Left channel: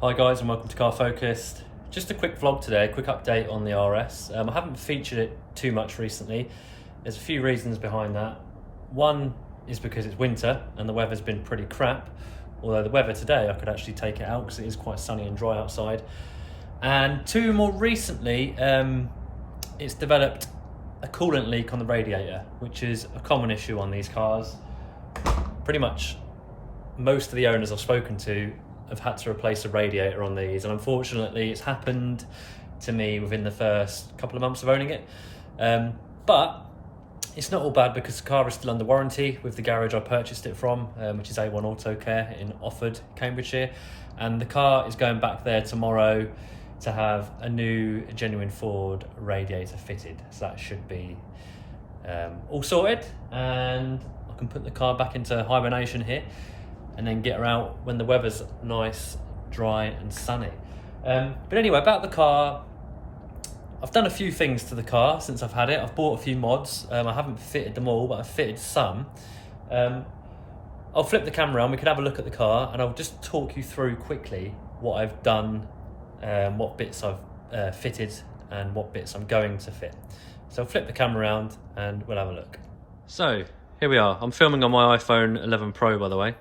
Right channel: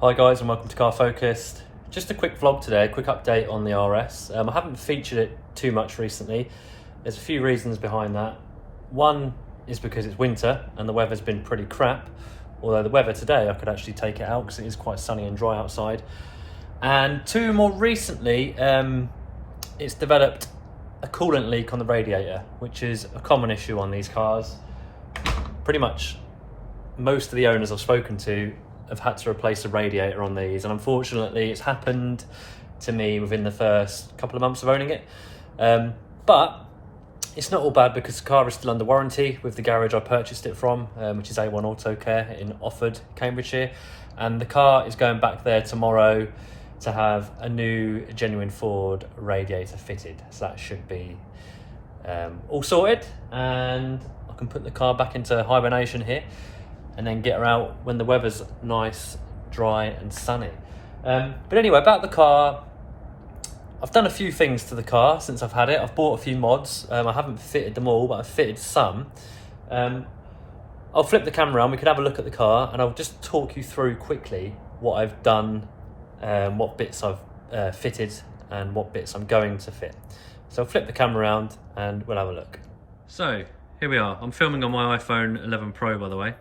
Hi guys and welcome to Car Focused. Just a quick vlog today, a quick update on the RS. I haven't featured it too much recently. There's a few reasons behind that. One is because it's winter and the weather's been pretty crap. Although the weather today, I could actually take it out because it is quite sunny and dry outside. And two, more recently, it's developed a coolant leak on the radiator, which is a common issue on these cars. Pretty much most of the owners I've spoken to have had to replace a radiator on these, and unfortunately it's happened to me within the first couple of months of owning it. But it's not all bad because the car is still under warranty with the garage I purchased it from, which is A1 Auto Care in Offord, Cambridgeshire, and the car is going back there tomorrow to have a new genuine Ford radiator fitted, so that should be all sorted, and I can put the car back into hibernation here and then get her out when the weather's nice, dry and sunny. But anyway, about the car, I've done a few things to the car since I've had it. I've bought a few mods. I haven't fitted them all, but I've fitted some. I'll flip the camera around, we can have a look at the car, and I'll just talk you through quickly what I've done, what bits I've fitted and what bits I'm going to fit. So I'll flip the camera around and we'll have a look. So here we are. I'm filming on my iPhone 11 Pro, by the way.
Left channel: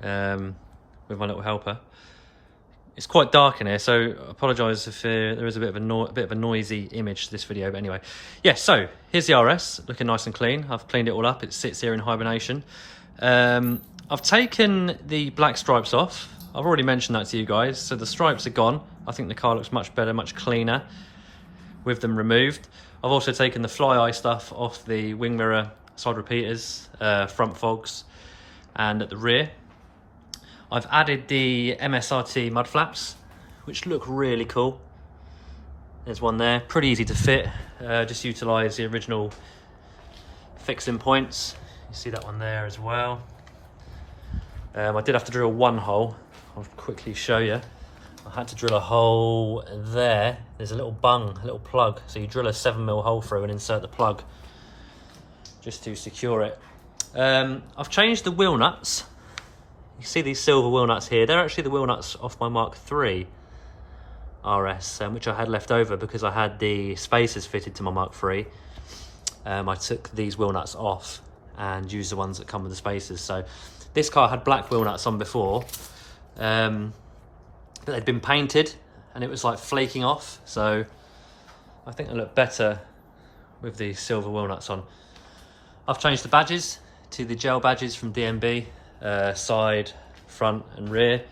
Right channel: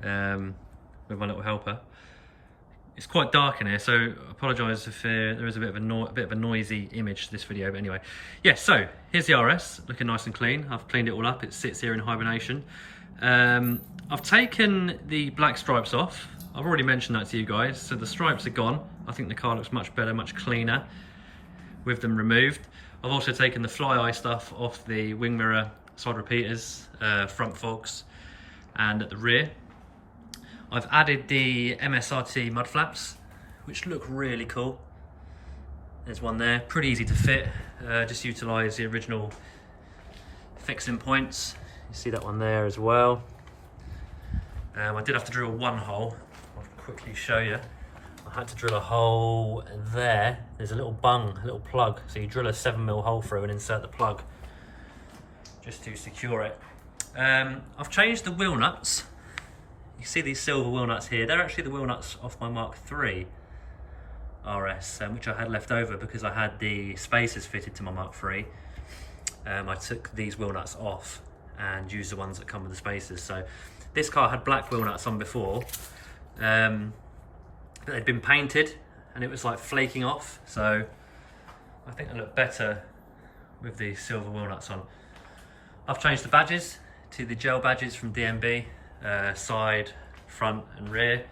With my little helper. It's quite dark in here, so I apologise if there is a bit of a noisy image to this video. But anyway, yeah. So here's the RS, looking nice and clean. I've cleaned it all up. It sits here in hibernation. I've taken the black stripes off. I've already mentioned that to you guys. So the stripes are gone. I think the car looks much better, much cleaner with them removed. I've also taken the fly eye stuff off the wing mirror, side repeaters, front fogs, and at the rear. I've added the MSRT mud flaps, which look really cool. There's one there, pretty easy to fit. Just utilise the original fixing points. You see that one there as well. I did have to drill one hole. I'll quickly show you. I had to drill a hole there. There's a little bung, a little plug. So you drill a 7mm hole through and insert the plug just to secure it. I've changed the wheel nuts. You see these silver wheel nuts here. They're actually the wheel nuts off my Mark III RS, which I had left over because I had the spacers fitted to my Mark III. I took these wheel nuts off and used the ones that come with the spacers. So this car had black wheel nuts on before, but they'd been painted and it was like flaking off. So I think they look better with the silver wheel nuts on. I've changed the badges to the gel badges from DMB. Side, front and rear.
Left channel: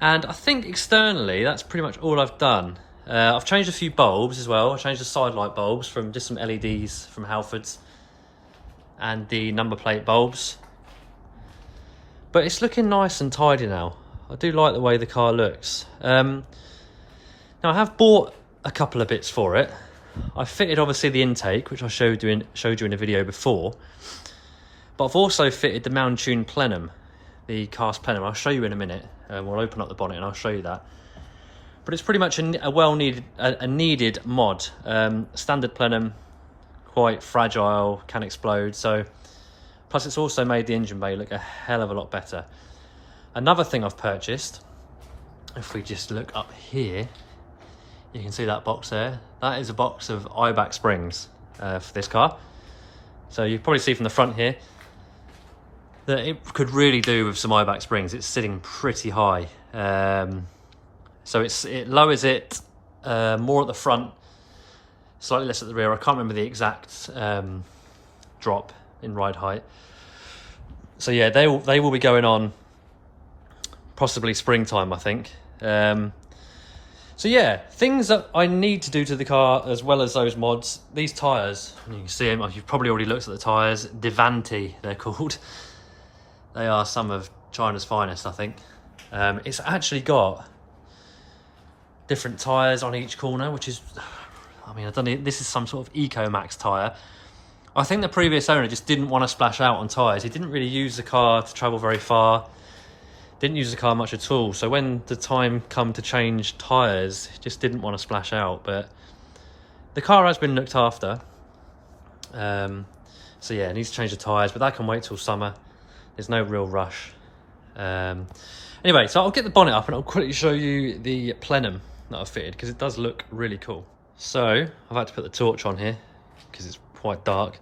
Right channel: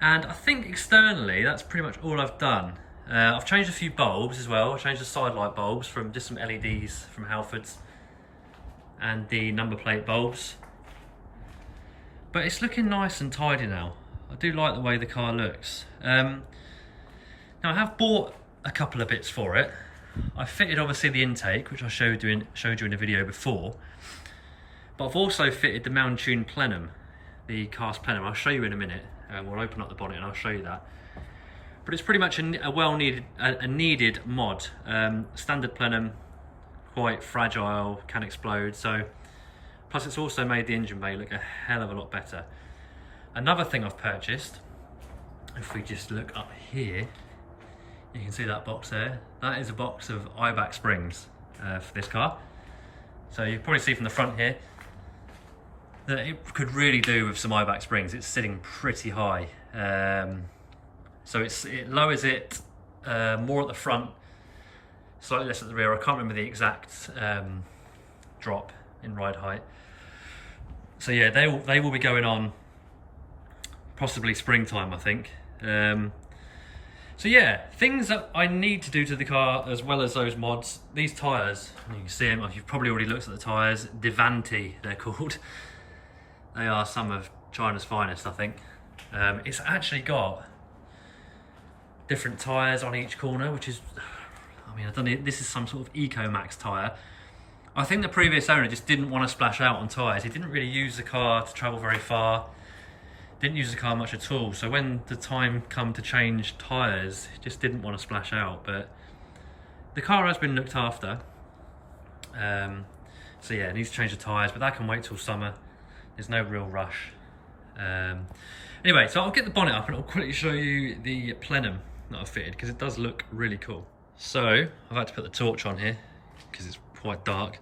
And I think externally that's pretty much all I've done. I've changed a few bulbs as well. I changed the side light bulbs from just some LEDs from Halfords and the number plate bulbs, but it's looking nice and tidy now. I do like the way the car looks. Now I have bought a couple of bits for it. I fitted obviously the intake, which I showed you in a video before, but I've also fitted the Mountune plenum, the cast plenum. I'll show you in a minute. We'll open up the bonnet and I'll show you that. But it's pretty much a needed mod. Standard plenum, quite fragile, can explode. So, plus it's also made the engine bay look a hell of a lot better. Another thing I've purchased, if we just look up here, you can see that box there. That is a box of IBAC springs for this car. So you probably see from the front here that it could really do with some IBAC springs. It's sitting pretty high. So it lowers it more at the front, slightly less at the rear. I can't remember the exact drop in ride height. So yeah, they will be going on possibly springtime, I think. So yeah, things that I need to do to the car as well as those mods. These tyres, you can see them, you've probably already looked at the tyres. Devanti, they're called. They are some of China's finest, I think. It's actually got different tyres on each corner, which is, I mean, I don't know, this is some sort of EcoMax tyre. I think the previous owner just didn't want to splash out on tyres. He didn't really use the car to travel very far. Didn't use the car much at all, so when the time come to change tyres, just didn't want to splash out. But the car has been looked after, so yeah, it needs to change the tyres, but that can wait till summer. There's no real rush. Anyway, so I'll get the bonnet up and I'll quickly show you the plenum that I've fitted, because it does look really cool. So I've had to put the torch on here because it's quite dark.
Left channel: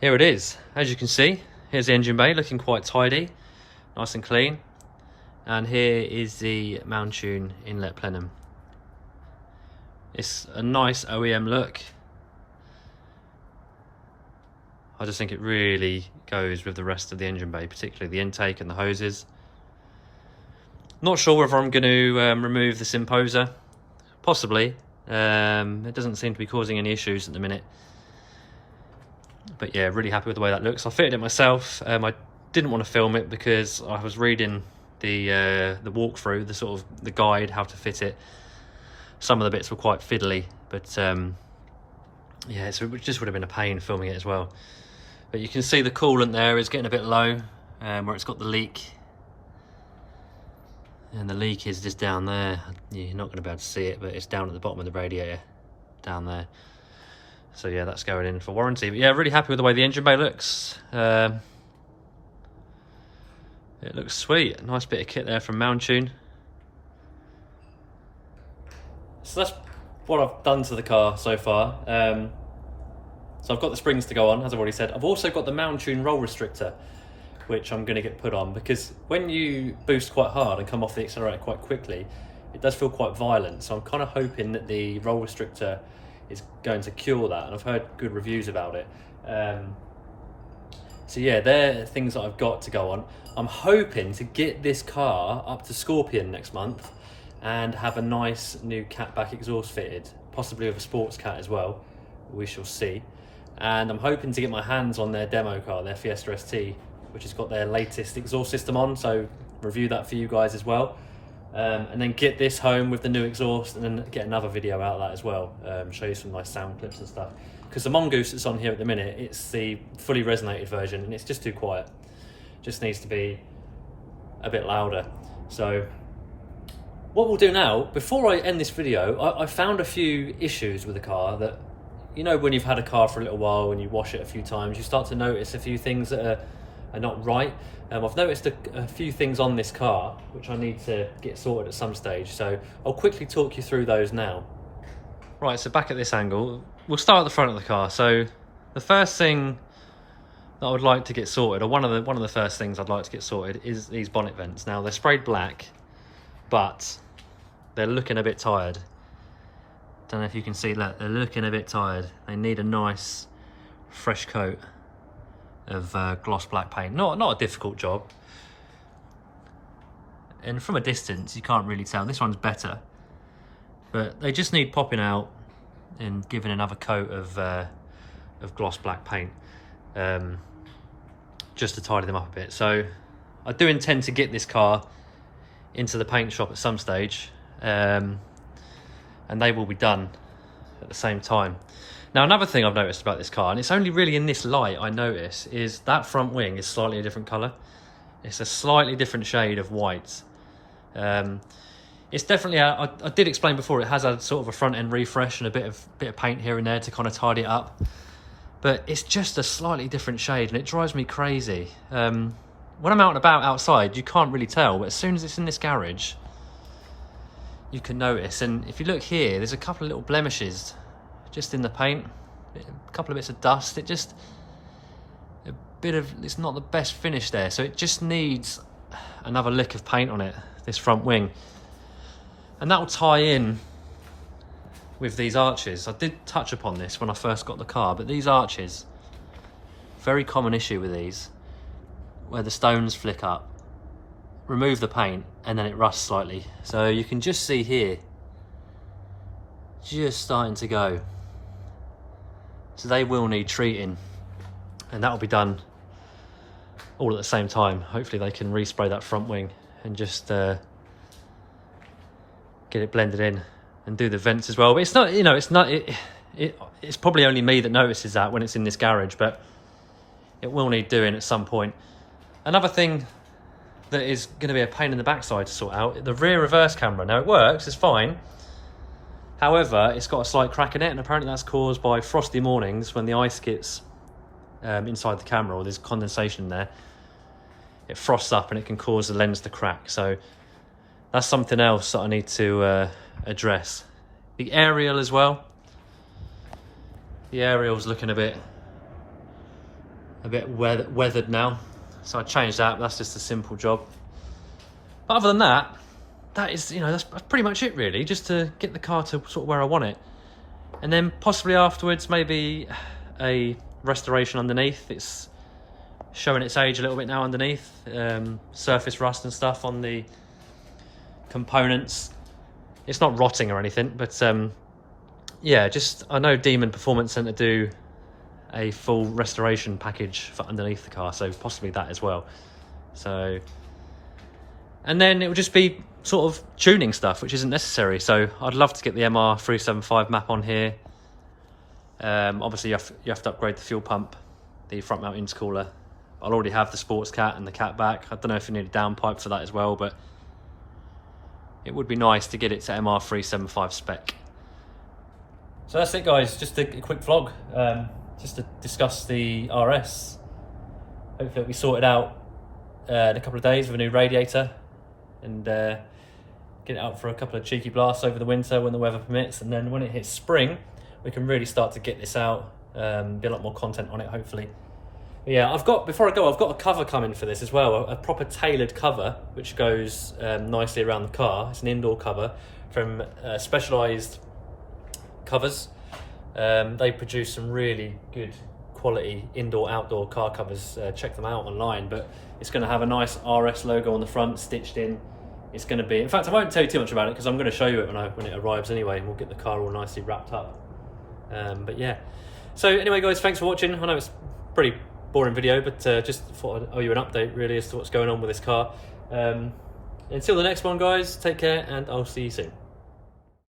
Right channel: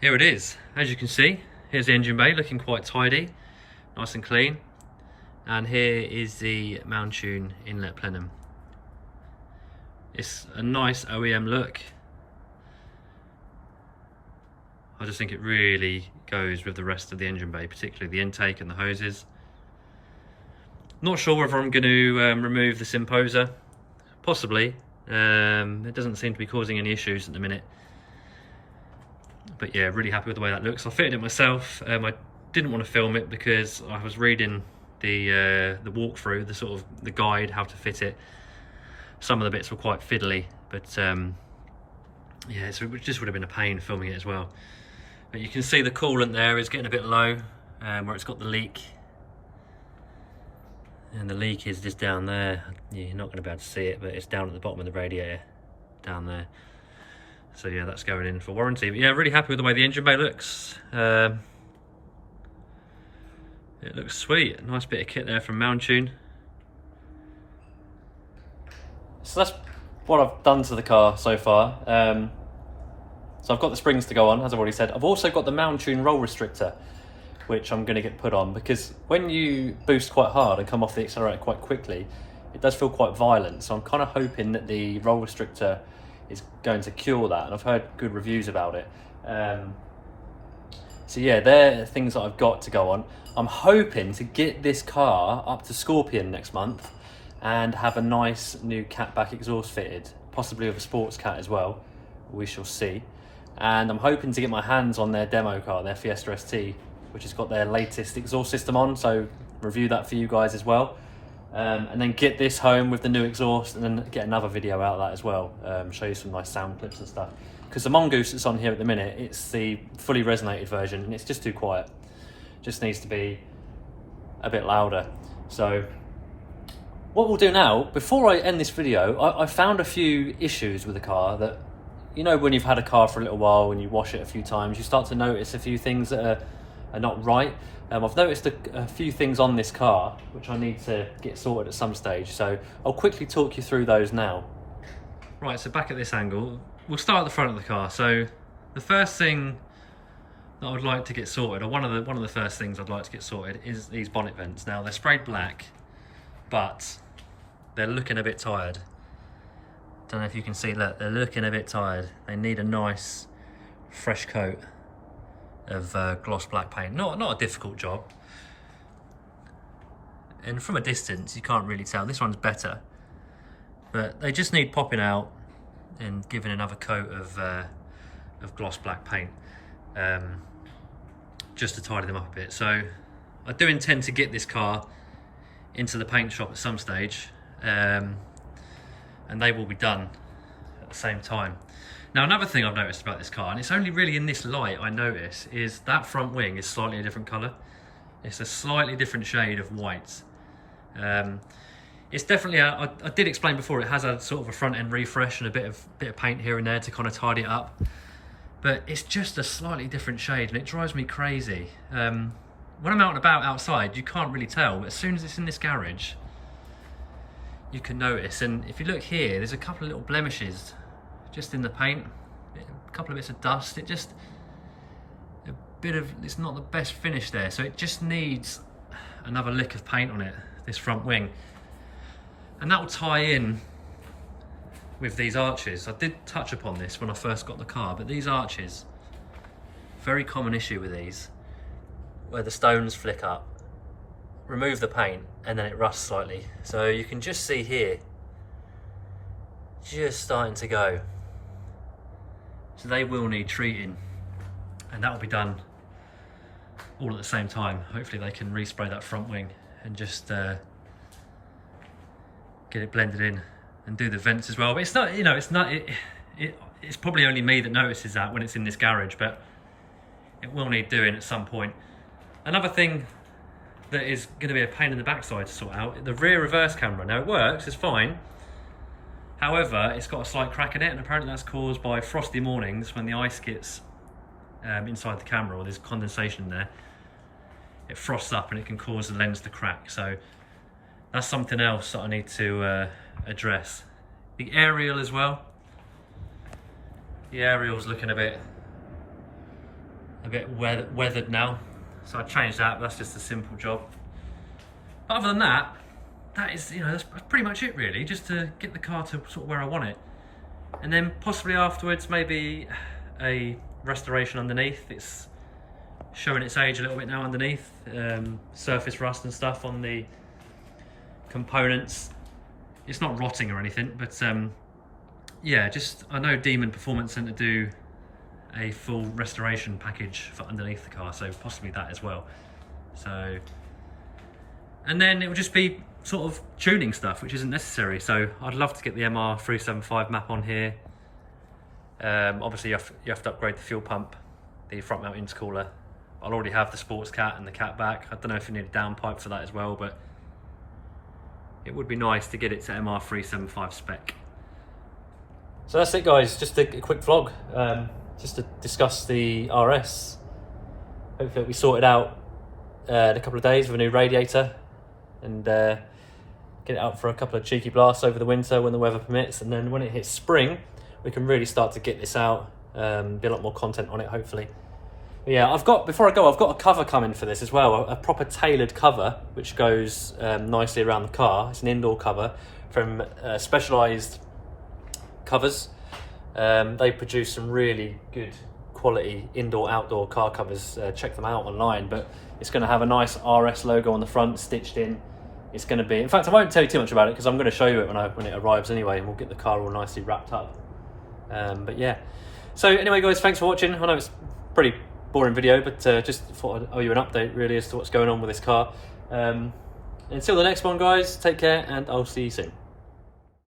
Here it is. As you can see, here's the engine bay looking quite tidy, nice and clean. And here is the Mountune inlet plenum. It's a nice OEM look. I just think it really goes with the rest of the engine bay, particularly the intake and the hoses. Not sure whether I'm going to remove this imposer. Possibly. It doesn't seem to be causing any issues at the minute. But yeah, really happy with the way that looks. I fitted it myself. I didn't want to film it because I was reading the walkthrough, the guide how to fit it. Some of the bits were quite fiddly, but yeah, so it just would have been a pain filming it as well. But you can see the coolant there is getting a bit low, where it's got the leak. And the leak is just down there. You're not going to be able to see it, but it's down at the bottom of the radiator, down there. So yeah, that's going in for warranty. But yeah, really happy with the way the engine bay looks. It looks sweet. A nice bit of kit there from Mountune. So that's what I've done to the car so far. So I've got the springs to go on, as I've already said. I've also got the Mountune roll restrictor, which I'm going to get put on, because when you boost quite hard and come off the accelerator quite quickly, it does feel quite violent. So I'm kind of hoping that the roll restrictor is going to cure that, and I've heard good reviews about it. So yeah, they're things that I've got to go on. I'm hoping to get this car up to Scorpion next month and have a nice new catback exhaust fitted, possibly with a sports cat as well. We shall see. And I'm hoping to get my hands on their demo car, their Fiesta ST, which has got their latest exhaust system on, so review that for you guys as well. And then get this home with the new exhaust, and then get another video out of that as well, show you some nice sound clips and stuff. Because the Mongoose that's on here at the minute, it's the fully resonated version, and it's just too quiet. Just needs to be a bit louder. So what we'll do now, before I end this video, I found a few issues with the car that, you know, when you've had a car for a little while and you wash it a few times, you start to notice a few things that are not right. I've noticed a few things on this car which I need to get sorted at some stage, so I'll quickly talk you through those now. Right, so back at this angle, we'll start at the front of the car. So the first thing that I would like to get sorted, or one of the first things I'd like to get sorted, is these bonnet vents. Now they're sprayed black, but they're looking a bit tired. Don't know if you can see that, they're looking a bit tired. They need a nice fresh coat of gloss black paint. Not a difficult job, and from a distance you can't really tell. This one's better, but they just need popping out and giving another coat of gloss black paint, just to tidy them up a bit. So I do intend to get this car into the paint shop at some stage, and they will be done at the same time. Now, another thing I've noticed about this car, and it's only really in this light I notice, is that front wing is slightly a different colour. It's a slightly different shade of white. It's definitely, I did explain before, it has a sort of a front end refresh and a bit of paint here and there to kind of tidy it up. But it's just a slightly different shade, and it drives me crazy. When I'm out and about outside, you can't really tell, but as soon as it's in this garage, you can notice. And if you look here, there's a couple of little blemishes just in the paint, a couple of bits of dust. It's not the best finish there, so it just needs another lick of paint on it, this front wing. And that will tie in with these arches. I did touch upon this when I first got the car, but these arches, very common issue with these, where the stones flick up. Remove the paint and then it rusts slightly. So you can just see here, just starting to go. So they will need treating, and that will be done all at the same time. Hopefully they can respray that front wing and just get it blended in, and do the vents as well. But it's not, you know, it's probably only me that notices that when it's in this garage, but it will need doing at some point. Another thing that is going to be a pain in the backside to sort out, the rear reverse camera. Now it works, it's fine. However, it's got a slight crack in it, and apparently that's caused by frosty mornings when the ice gets inside the camera, or there's condensation there. it frosts up and it can cause the lens to crack. So that's something else that I need to address. The aerial as well. The aerial's looking a bit weathered now, so I changed that. But that's just a simple job. But other than that, that is, you know, that's pretty much it really. Just to get the car to sort of where I want it, and then possibly afterwards maybe a restoration underneath. It's showing its age a little bit now underneath, surface rust and stuff on the components. It's not rotting or anything, but yeah, just I know Demon Performance Centre do a full restoration package for underneath the car, so possibly that as well. So, and then it will just be sort of tuning stuff, which isn't necessary. So I'd love to get the MR375 map on here. Obviously you have to upgrade the fuel pump, the front mount intercooler. I'll already have the sports cat and the cat back. I don't know if you need a downpipe for that as well, but it would be nice to get it to MR375 spec. So that's it guys, just a quick vlog, just to discuss the RS. Hopefully it'll be sorted out in a couple of days with a new radiator, and get it out for a couple of cheeky blasts over the winter when the weather permits, and then when it hits spring we can really start to get this out, be a lot more content on it hopefully. But yeah, before I go, I've got a cover coming for this as well, a proper tailored cover which goes nicely around the car. It's an indoor cover from Specialized Covers. They produce some really good quality indoor-outdoor car covers. Check them out online, but it's going to have a nice RS logo on the front stitched in. It's going to be, in fact I won't tell you too much about it because I'm going to show you it when it arrives anyway, and we'll get the car all nicely wrapped up. But yeah, so anyway guys, thanks for watching. I know it's a pretty boring video, but just thought I'd owe you an update really as to what's going on with this car. Until the next one guys, take care and I'll see you soon.